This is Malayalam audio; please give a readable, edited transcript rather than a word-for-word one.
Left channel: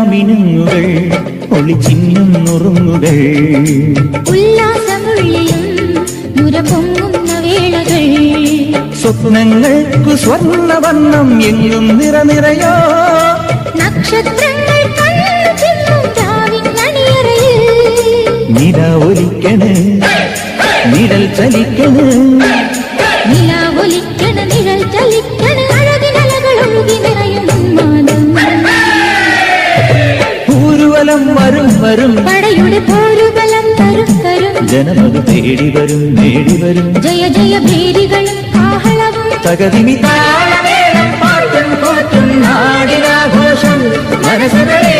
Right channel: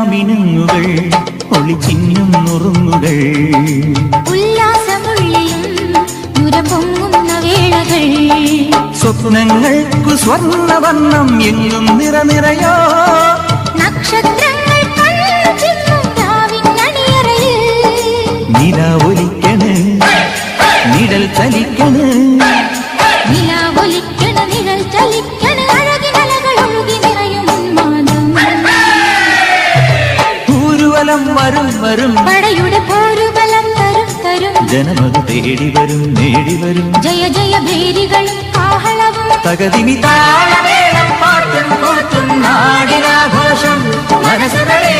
മാമിനുങ്ങുകൾ ഒളിച്ചിന്നും നുറുങ്ങുകൾ ഉല്ലാസമുള്ളിലും നുരപൊങ്ങുന്ന വേളകൾ സ്വപ്നങ്ങൾക്കു സ്വർണ്ണവർണ്ണം എങ്ങും നിറനിറയോ നക്ഷത്രങ്ങൾ നില ഒലിക്കണ് നിഴൽ ചലിക്കണ് ൂരുവലം വരും വരും പടയുടെ പോരുബലം തരും തരും ജനമത് തേടി വരും നേടി വരും ജയ ജയ ഭേരികളും ആഹളവും തകതിനി താളമേളം പാട്ടും കൂട്ടും നാടിനാഘോഷം മനസ്സുകളെ